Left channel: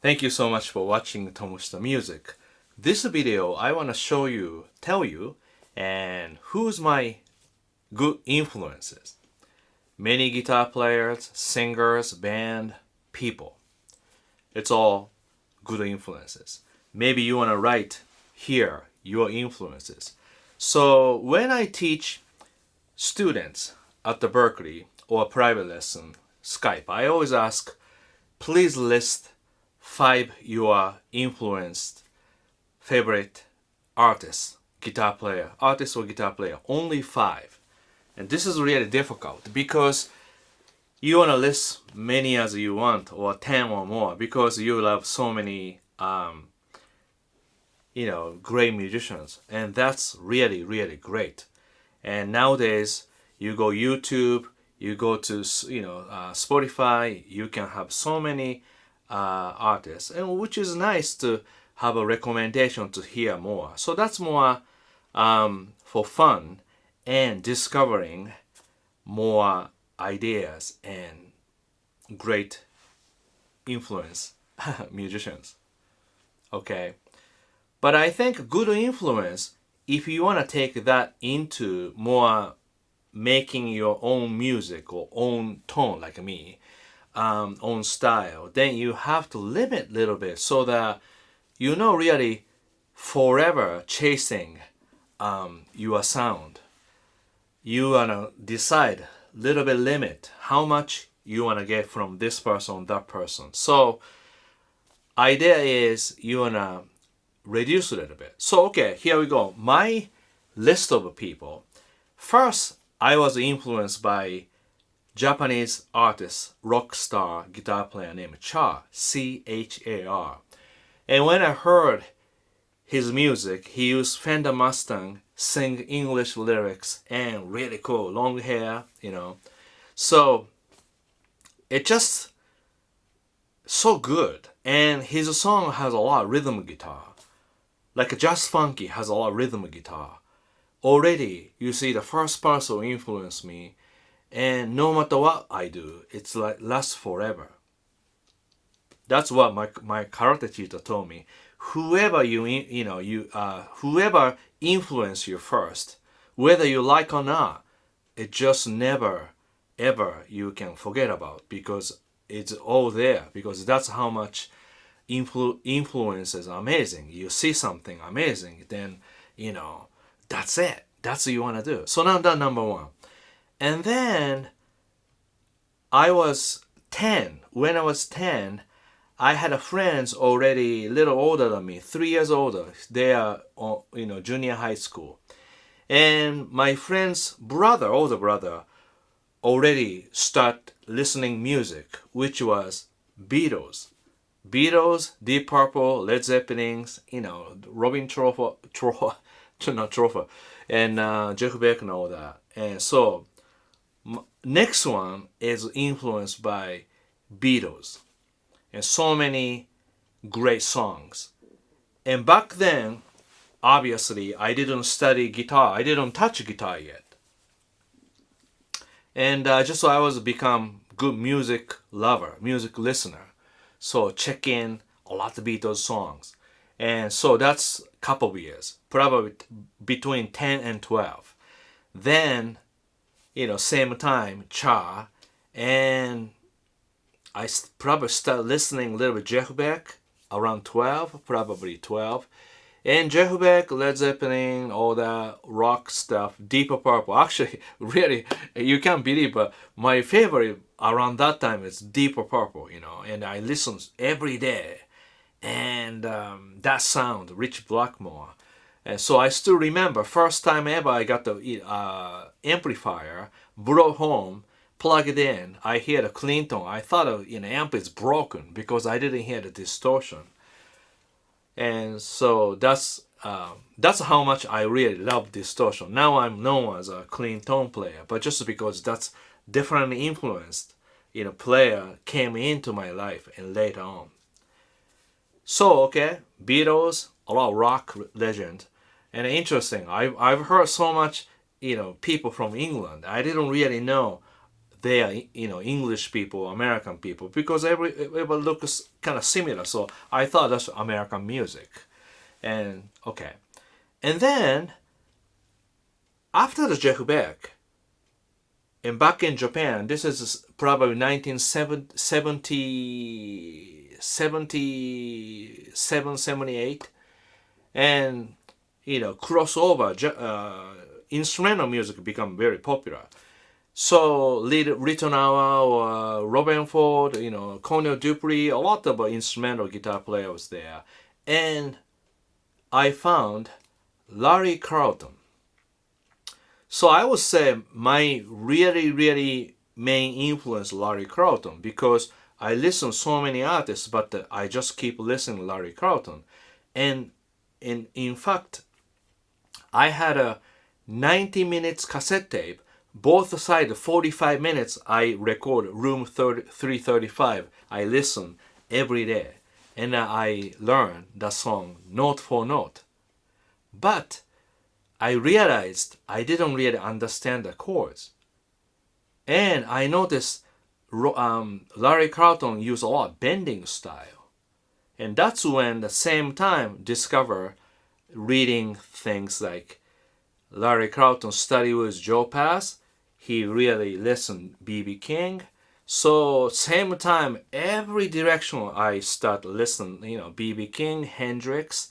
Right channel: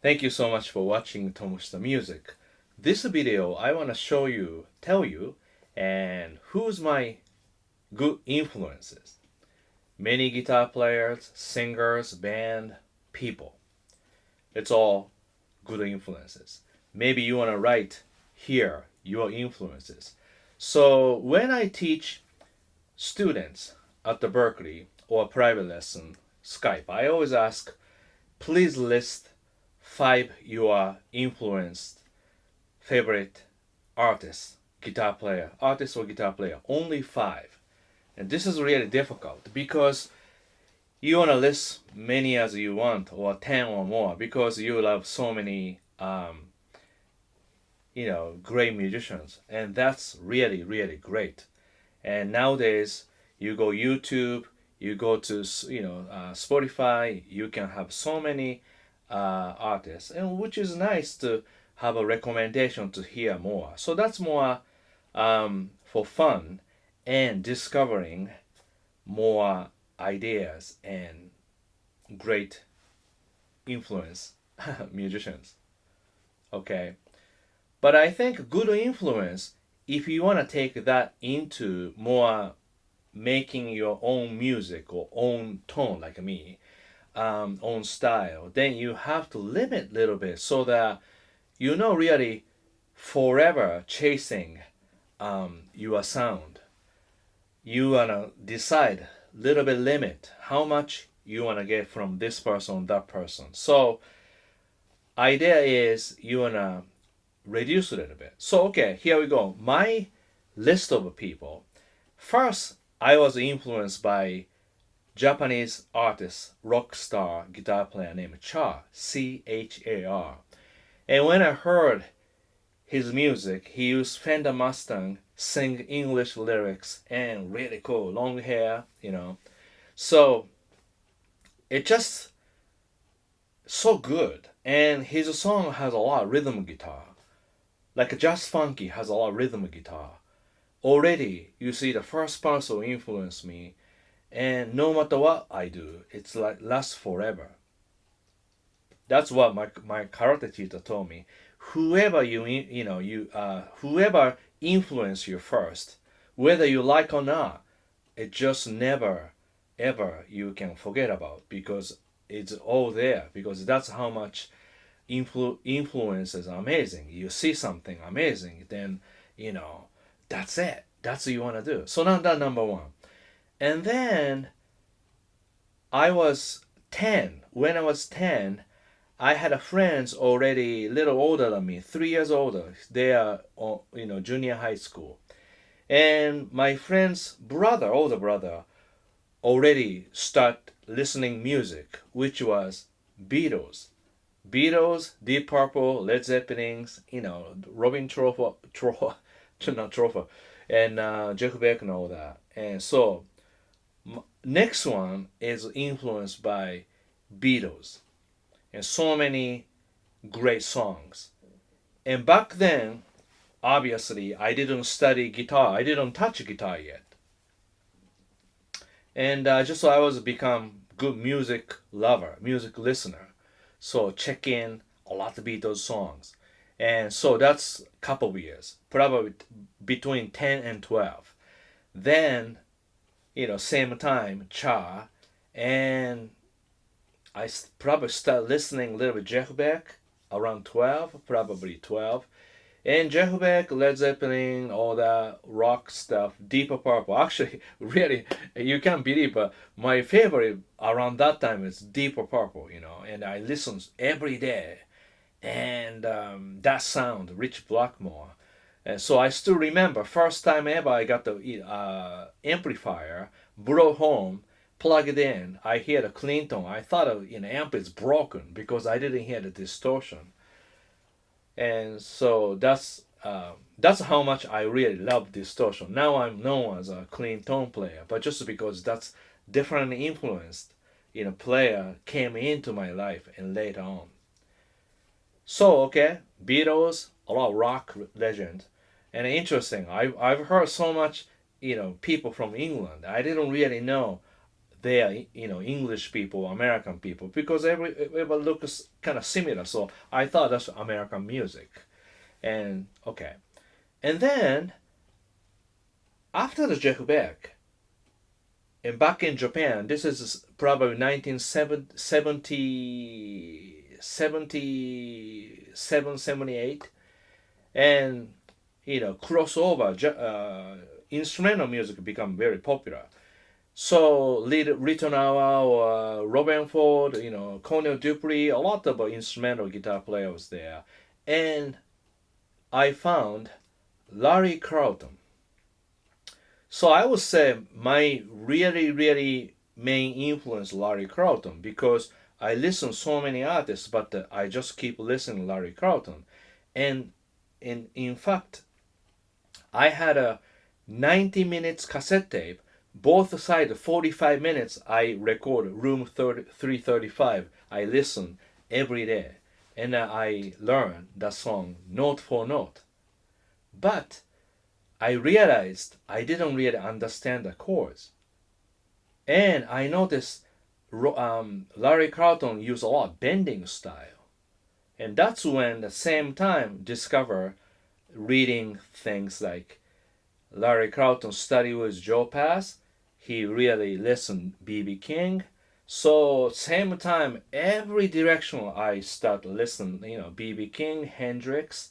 Thank you so much for watching Tomo's Music. This video I want to tell you, and who's my good influences. Many guitar players, singers, band, people. It's all good influences. Maybe you want to write here your influences. So when I teach students at the Berkeley or private lesson Skype, I always ask, please list five your influenced favorite artist or guitar player, only five. And this is really difficult because you want to list many as you want, or 10 or more, because you love so many, great musicians. And that's really, really great. And nowadays, you go YouTube, you go to, Spotify, you can have so many artists, and which is nice to have a recommendation to hear more. So that's more for fun and discovering more ideas and great influence musicians. Okay, but I think good influence, if you want to take that into more making your own music or own tone, like me, own style, then you have to limit a little bit so that really forever chasing your sound. You wanna decide little bit limit how much you wanna get from this person, that person. So idea is you wanna reduce a little bit. So okay, here we go. My list of people. First, I was influenced by Japanese artist, rock star, guitar player named Char, Char. And when I heard his music, he used Fender Mustang, sing English lyrics, and really cool, long hair. So it just so good. And his song has a lot of rhythm guitar. Like Just Funky has a lot of rhythm guitar. Already, you see the first person influenced me, and no matter what I do, it's like lasts forever. That's what my karate teacher told me. Whoever whoever influenced you first, whether you like or not, it just never ever you can forget about, because it's all there, because that's how much influence is amazing. You see something amazing, then that's it. That's what you want to do. So now that number one. And then I was 10. When I was 10, I had a friends already a little older than me, 3 years older. They are, junior high school. And my friend's brother, older brother, already start listening music, which was Beatles. Beatles, Deep Purple, Led Zeppelins, Robin not Trofer, and Jeff Beck and all that. And so next one is influenced by Beatles and so many great songs. And back then, obviously, I didn't study guitar. I didn't touch guitar yet. And just so I was become good music lover, music listener. So check in a lot of Beatles songs. And so that's a couple of years, probably between 10 and 12. Then, same time, Cha, and I probably start listening a little bit Jeff Beck around 12, probably 12. And Jeff Beck, Led Zeppelin, all that rock stuff, Deep Purple. Actually, really, you can't believe, but my favorite around that time is Deep Purple, and I listen every day. And that sound, Rich Blackmore. And so I still remember, first time ever I got the amplifier, brought home, plug it in. I hear the clean tone. I thought amp is broken because I didn't hear the distortion. And so that's how much I really love distortion. Now I'm known as a clean tone player, but just because that's differently influenced, player came into my life and later on. So okay, Beatles, a lot of rock legend, and interesting. I've heard so much, people from England. I didn't really know they are, English people, American people, because everybody looks kind of similar. So I thought that's American music. And okay. And then after the Jeff Beck, and back in Japan, this is probably 1977, 78, and crossover instrumental music become very popular. So Little Noah or Robin Ford, Cornel Dupree, a lot of instrumental guitar players there. And I found Larry Carlton. So I would say my really, really main influence Larry Carlton, because I listen so many artists, but I just keep listening Larry Carlton. And in fact, I had a 90 minutes cassette tape. Both sides, 45 minutes, I record room 335. I listen every day. And I learn the song note for note. But I realized I didn't really understand the chords. And I noticed Larry Carlton used a lot of bending style. And that's when the same time discover reading things like Larry Carlton study with Joe Pass. He really listened B.B. King. So same time, every direction I start listening, B.B. King, Hendrix,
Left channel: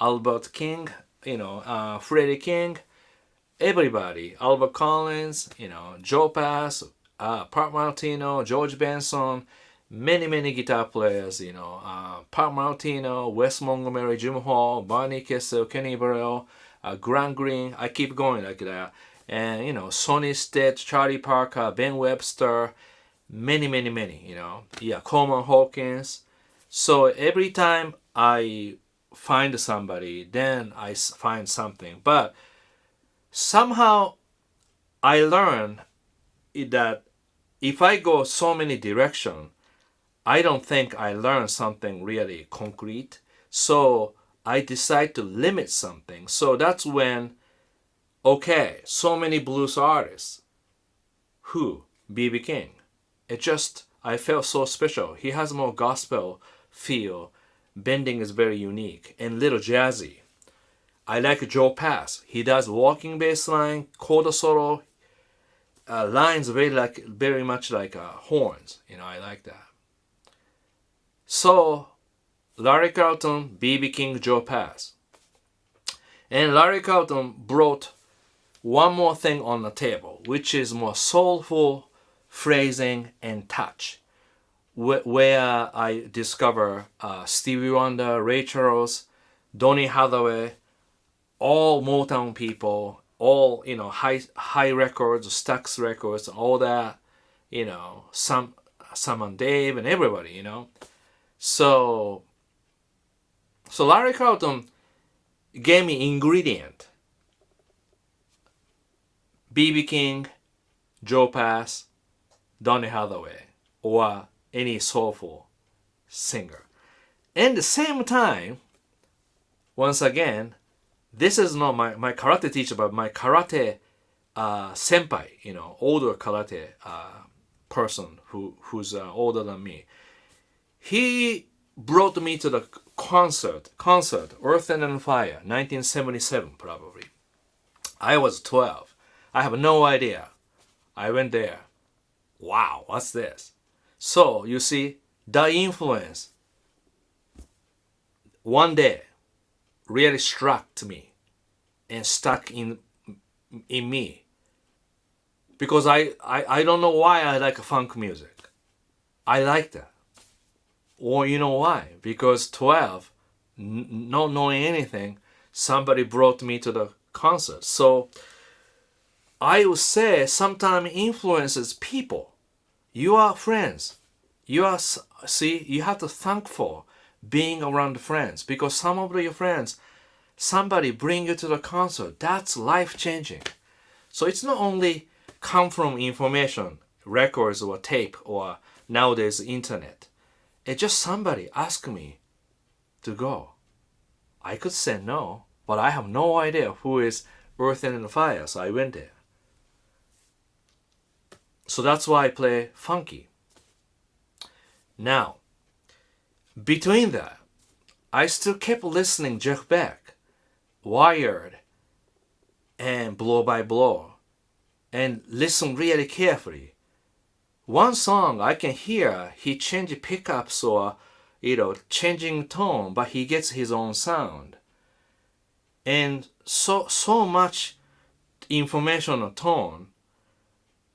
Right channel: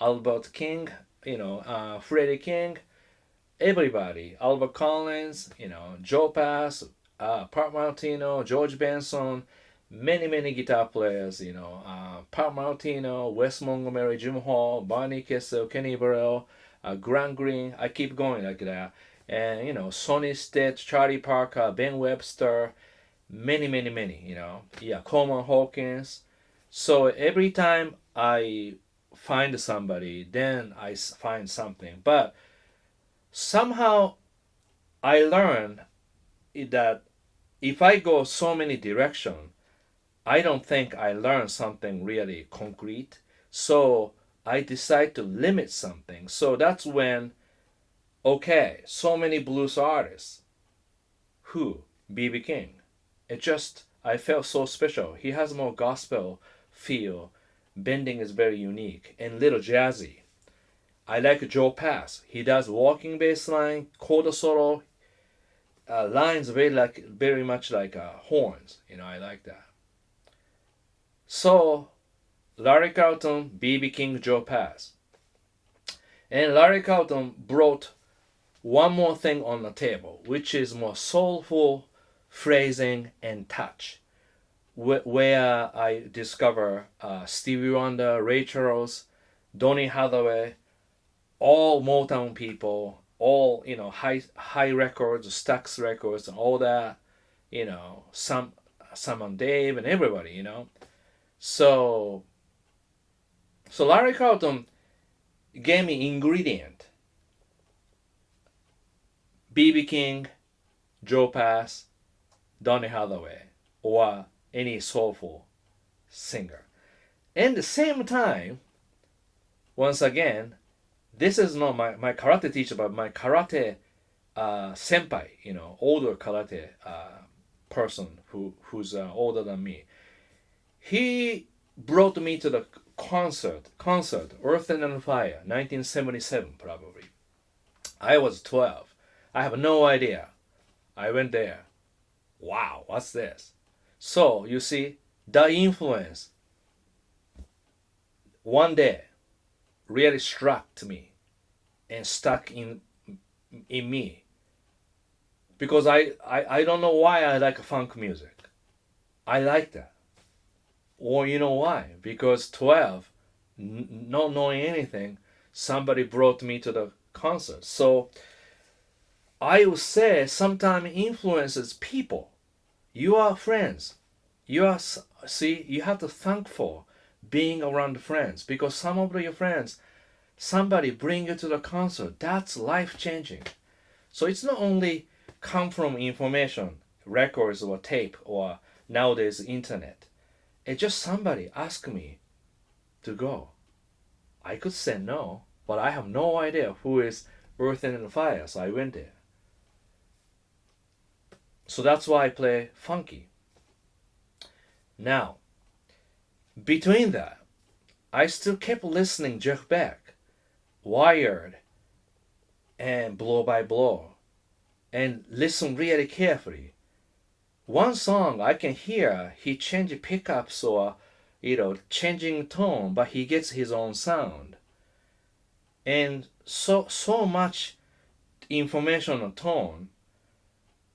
Albert King, Freddie King, everybody, Albert Collins, Joe Pass, Pat Martino, George Benson, many guitar players, Pat Martino, Wes Montgomery, Jim Hall, Barney Kessel, Kenny Burrell, Grant Green. I keep going like that. And Sonny Stitt, Charlie Parker, Ben Webster, many, Coleman Hawkins. So every time I find somebody, then I find something. But somehow I learn that if I go so many directions, I don't think I learn something really concrete. So I decide to limit something. So that's when, okay, so many blues artists. Who? B.B. King. I felt so special. He has more gospel feel. Bending is very unique and little jazzy. I like Joe Pass. He does walking bass line, chord solo, lines very much like horns. I like that. So Larry Carlton, B.B. King, Joe Pass. And Larry Carlton brought one more thing on the table, which is more soulful phrasing and touch, where I discover Stevie Wonder, Ray Charles, Donny Hathaway, all Motown people, all high records, Stax records, and all that, Sam and Dave and everybody, So Larry Carlton gave me ingredient. B.B. King, Joe Pass, Donny Hathaway, or any soulful singer. And at the same time, once again, this is not my karate teacher, but my karate senpai, older karate person who's older than me. He brought me to the concert, Earth and Fire, 1977 probably. I was 12. I have no idea. I went there. Wow, what's this? So, you see, the influence one day really struck me and stuck in me. Because I don't know why I like funk music. I like that. Or you know why? Because 12, not knowing anything, somebody brought me to the concert. So I would say sometimes influences people. Your friends. You have to thank for being around friends, because some of your friends, somebody bring you to the concert. That's life changing. So it's not only come from information, records or tape or nowadays internet. It's just somebody asked me to go. I could say no, but I have no idea who is Earth and Fire, so I went there. So that's why I play funky. Now, between that, I still kept listening Jeff Beck, Wired, and Blow by Blow, and listen really carefully. One song I can hear he changed pickups or changing tone, but he gets his own sound. And so much information on tone,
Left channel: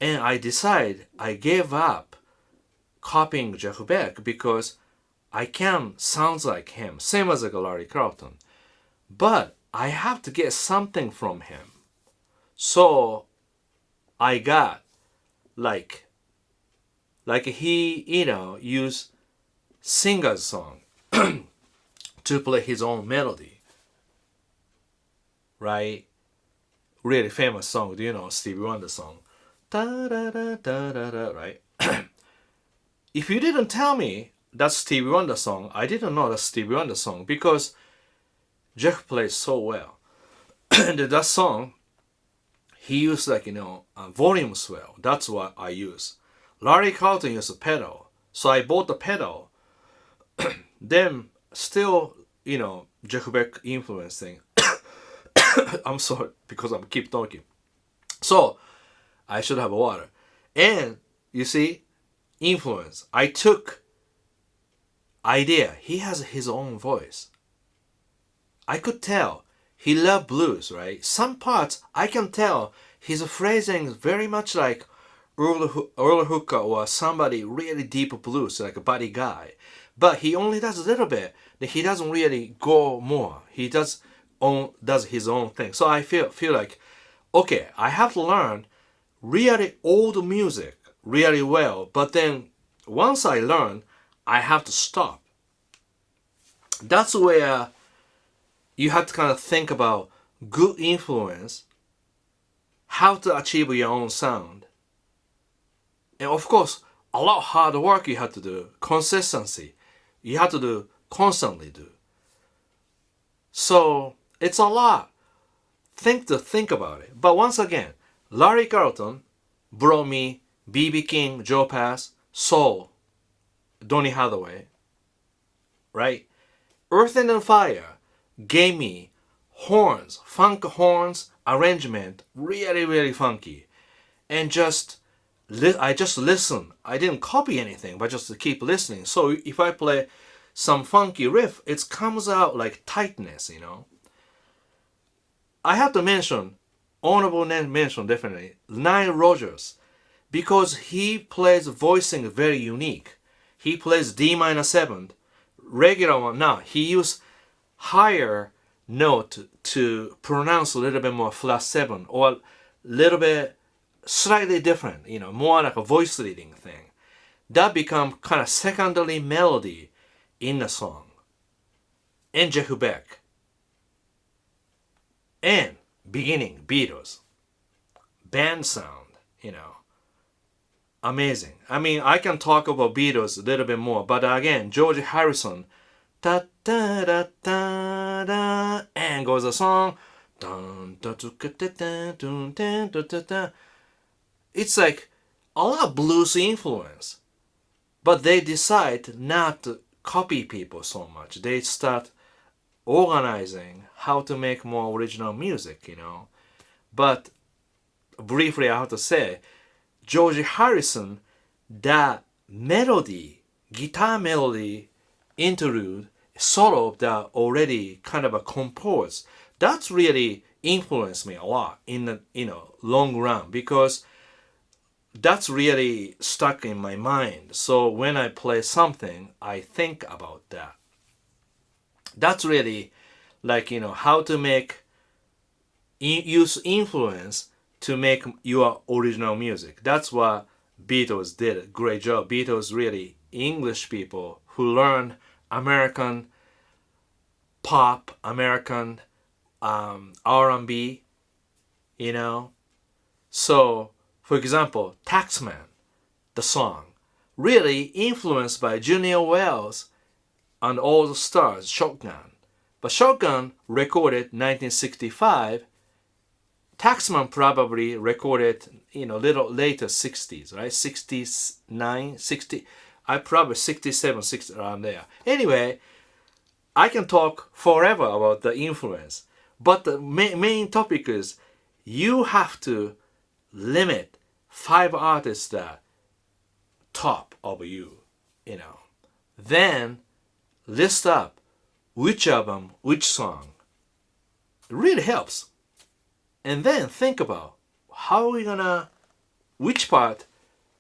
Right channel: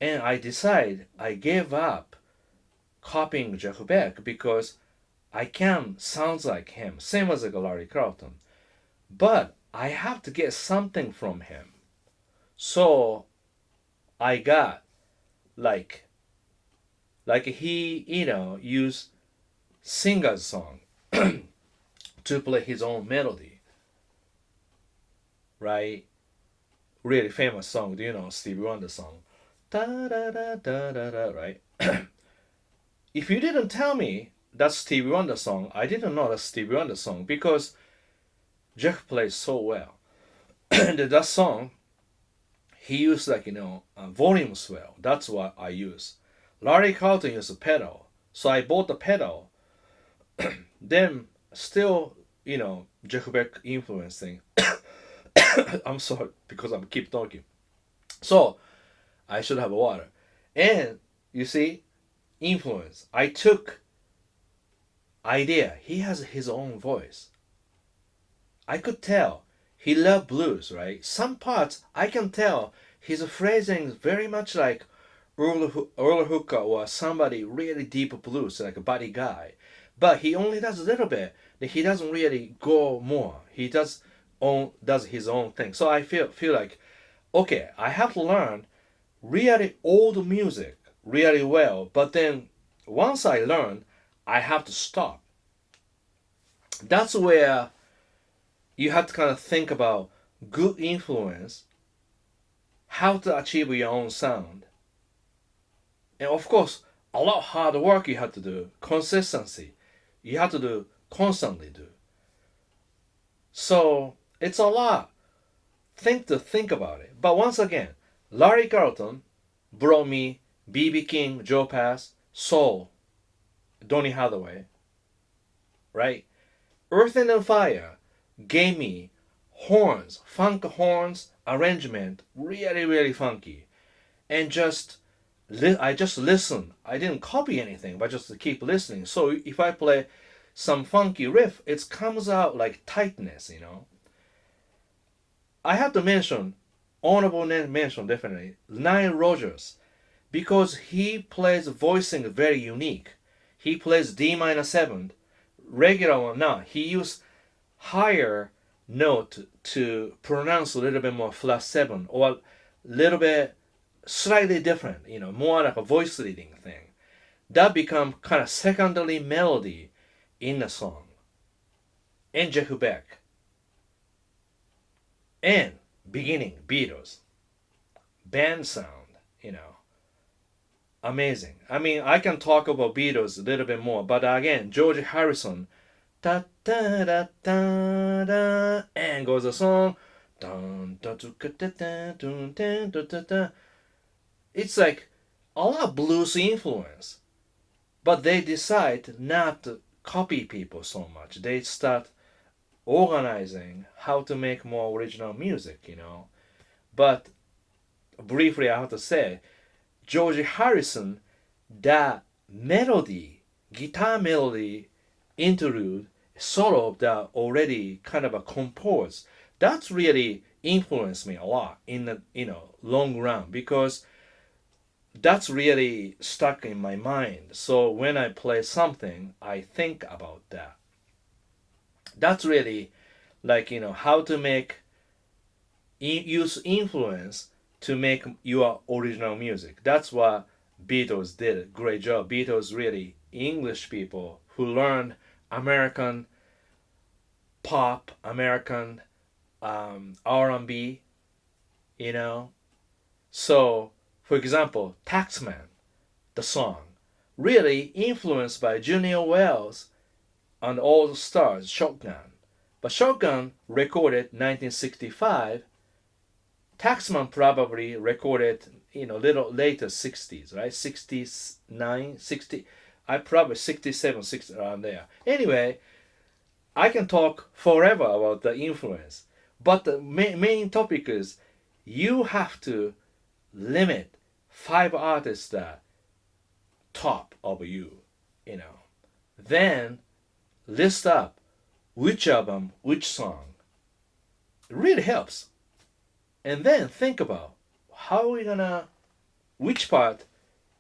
and I gave up copying Jeff Beck because I can sound like him, same as like Larry Carlton. But I have to get something from him. So I got like he, used singer's song to play his own melody. Right? Really famous song. Do you know Stevie Wonder song? Da da da da da da, right? If you didn't tell me that's Stevie Wonder song, I didn't know that's Stevie Wonder song because Jeff plays so well. And that song, he used volume swell. That's what I use. Larry Carlton used a pedal. So I bought the pedal. Then still, Jeff Beck influencing. I'm sorry because I'm keep talking. So I should have water. And you see, influence. I took idea. He has his own voice. I could tell he loved blues, right? Some parts I can tell his phrasing is very much like Earl Hooker or somebody really deep blues, like a Buddy Guy. But he only does a little bit. He doesn't really go more. He does his own thing. So I feel like, okay, I have to learn really old music really well. But then once I learn, I have to stop. That's where you have to kind of think about good influence, how to achieve your own sound. And of course, a lot of hard work you have to do, consistency. You have to do, constantly do. So it's a lot. Think about it. But once again, Larry Carlton brought me B.B. King, Joe Pass, soul, Donny Hathaway, right? Earth and Fire gave me horns, funk horns, arrangement, really, really funky. And I just listen. I didn't copy anything, but just to keep listening. So if I play some funky riff, it comes out like tightness, I have to mention, honorable mention definitely, Nile Rodgers, because he plays voicing very unique. He plays D minor 7, regular one. Now, he used higher note to pronounce a little bit more flat 7, or a little bit slightly different, more like a voice leading thing. That become kind of secondary melody in the song. And Jeff Beck. And beginning, Beatles. Band sound, amazing. I mean, I can talk about Beatles a little bit more, but again, George Harrison, da da da da da, and goes the song, dun dun dun dun dun dun. It's like a lot of blues influence, but they decide not to copy people so much. They start organizing how to make more original music, But briefly, I have to say, George Harrison, that melody, guitar melody interlude, solo that already kind of a composed, that's really influenced me a lot in the long run, because that's really stuck in my mind. So when I play something, I think about that. That's really like, how to use influence to make your original music. That's what Beatles did a great job. Beatles really English people who learned American pop, American R&B, So, for example, Taxman, the song, really influenced by Junior Wells and all the stars, Shotgun. But Shotgun recorded 1965, Taxman probably recorded, little later 60s, right? 69, 60, I probably 67, 60, around there. Anyway, I can talk forever about the influence. But the main topic is you have to limit 5 artists that top of you, Then list up which album, which song. It really helps. And then think about how we gonna, which part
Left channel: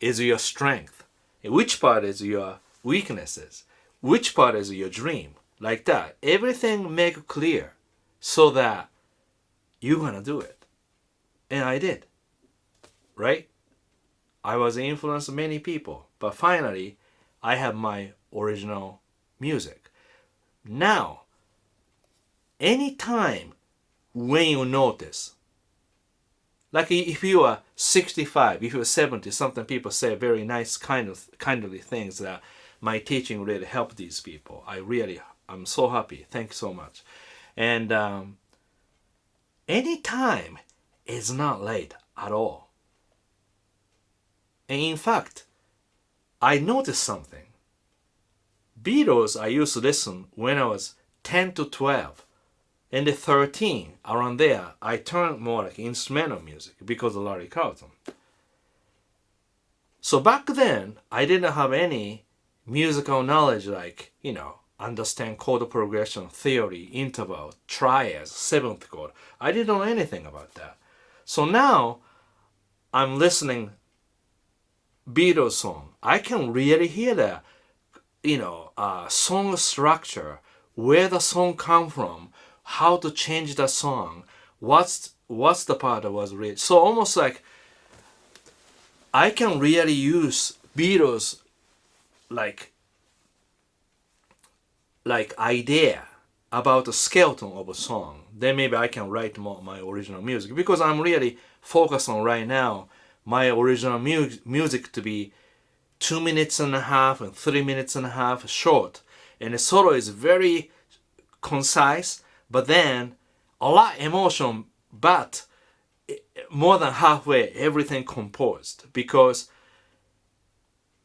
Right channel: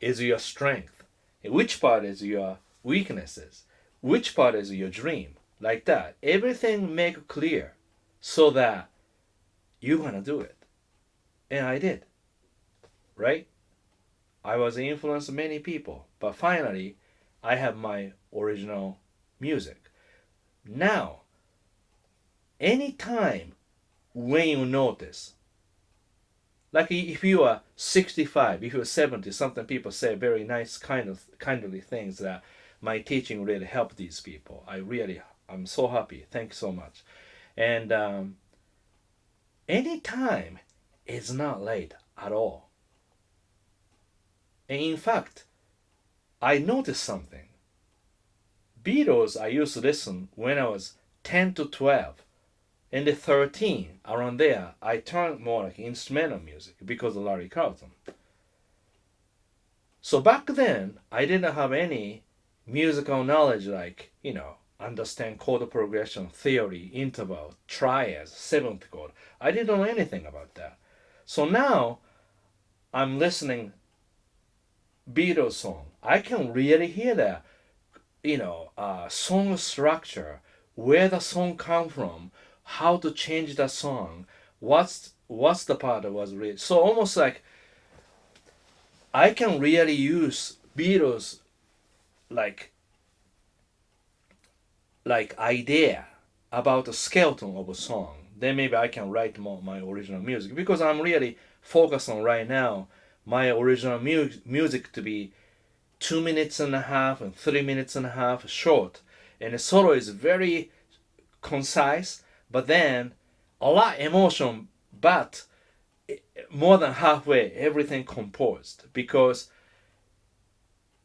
is your strength, which part is your weaknesses, which part is your dream, like that. Everything make clear so that you're gonna do it. And I did, right? I was influenced many people, but finally I have my original music. Now, anytime when you notice, like if you are 65, if you're 70, sometimes people say very nice kindly things that my teaching really helped these people. I'm so happy. Thank you so much. And anytime is not late at all. And in fact, I noticed something. Beatles I used to listen when I was 10 to 12. And at 13, around there, I turned more like instrumental music because of Larry Carlton. So back then, I didn't have any musical knowledge like, understand chord progression, theory, interval, triads, seventh chord. I didn't know anything about that. So now, I'm listening Beatles song. I can really hear that, song structure, where the song come from, how to change the song, what's the part that was read. So almost like I can really use Beatles like idea about the skeleton of a song. Then maybe I can write more my original music, because I'm really focused on right now my original music to be 2 minutes and a half and 3 minutes and a half short, and the solo is very concise, but then a lot emotion, but more than halfway everything composed, because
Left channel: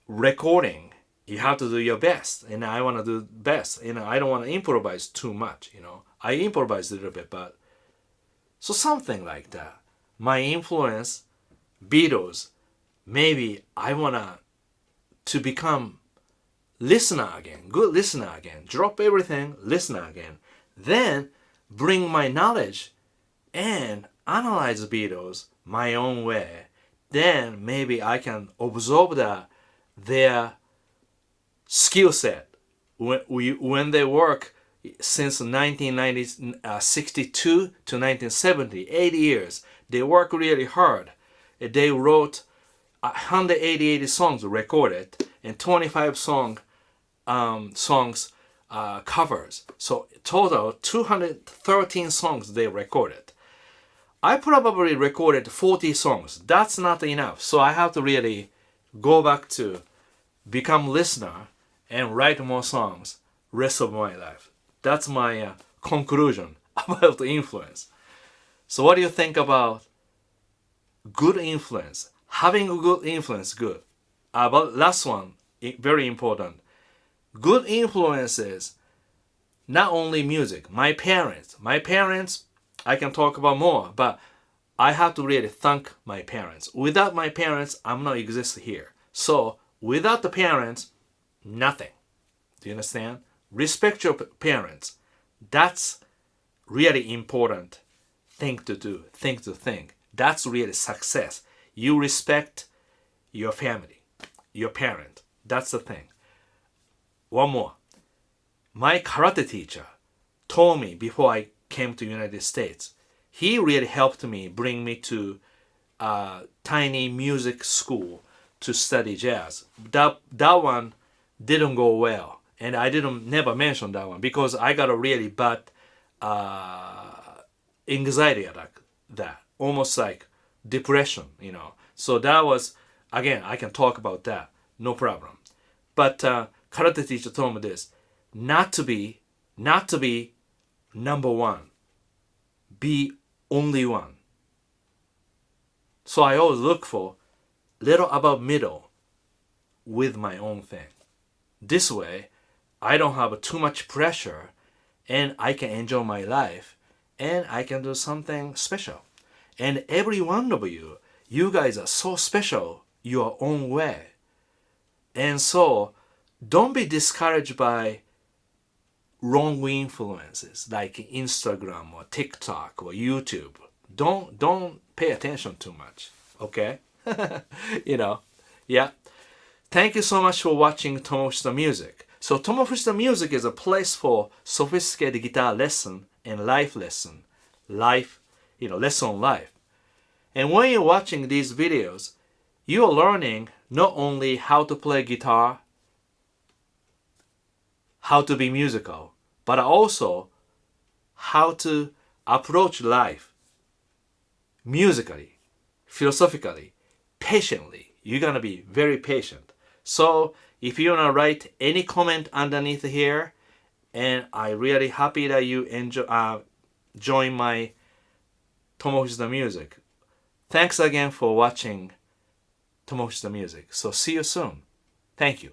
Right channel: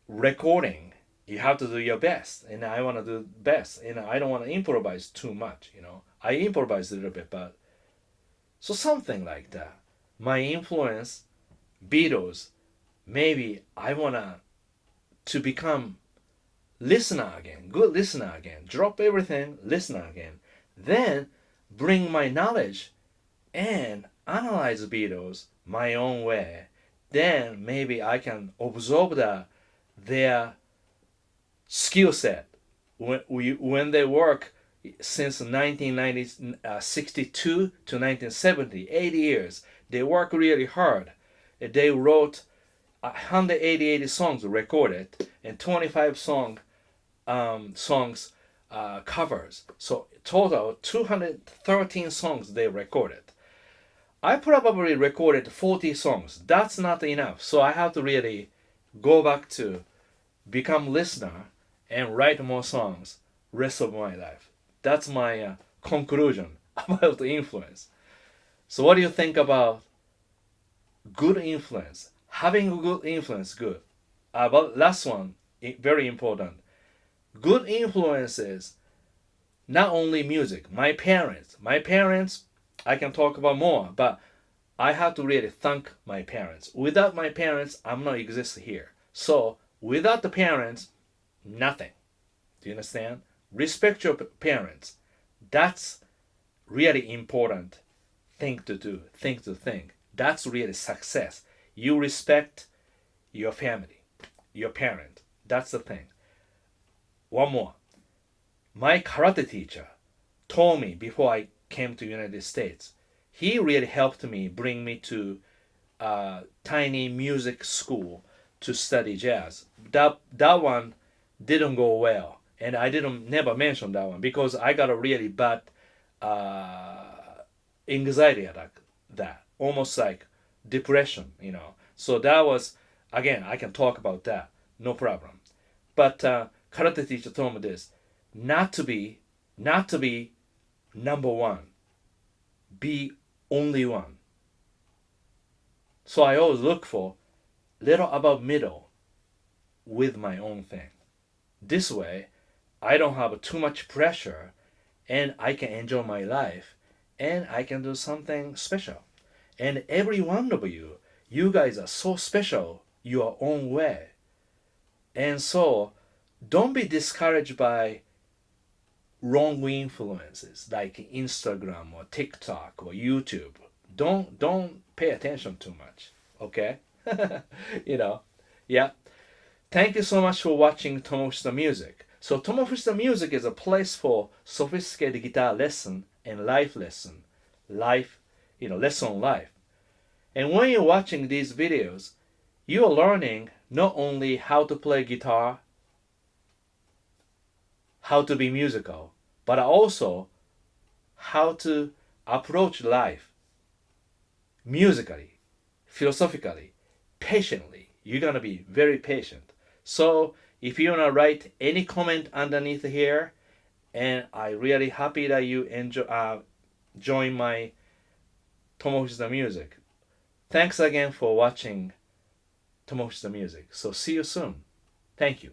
recording you have to do your best, and I want to do best, I don't want to improvise too much, I improvise a little bit, but so something like that. My influence, Beatles, maybe I want to become listener again, good listener again, drop everything, listener again, then bring my knowledge and analyze the Beatles my own way. Then maybe I can absorb their skill set when they work since 1962 to 1970, 8 years. They work really hard. They wrote 188 songs recorded and 25 songs covers. So total 213 songs they recorded. I probably recorded 40 songs. That's not enough. So I have to really go back to become listener and write more songs rest of my life. That's my conclusion about the influence. So what do you think about good influence? Having a good influence, good. But last one, very important. Good influence is not only music. My parents, I can talk about more, but I have to really thank my parents. Without my parents, I'm not exist here. So without the parents, nothing. Do you understand? Respect your parents. That's really important thing to do, thing to think. That's really success. You respect your family, your parent. That's the thing. One more. My karate teacher told me before I came to United States, he really helped me, bring me to a tiny music school to study jazz. That one didn't go well, and I never mention that one because I got a really bad anxiety attack, that almost like depression, So that was, again, I can talk about that, no problem. But karate teacher told me this: not to be number one, be only one. So I always look for little above middle with my own thing. This way, I don't have too much pressure and I can enjoy my life and I can do something special. And every one of you, you guys are so special your own way. And so don't be discouraged by wrong influences like Instagram or TikTok or YouTube. Don't pay attention too much. Okay? Yeah. Thank you so much for watching Tomo Fujita Music. So Tomo Fujita Music is a place for sophisticated guitar lesson and life lesson. Lesson on life. And when you're watching these videos, you are learning not only how to play guitar, how to be musical, but also how to approach life musically, philosophically, patiently. You're going to be very patient. So if you want to write any comment underneath here, and I'm really happy that you join my Tomo Fujita Music. Thanks again for watching Tomo Fujita Music. So see you soon. Thank you.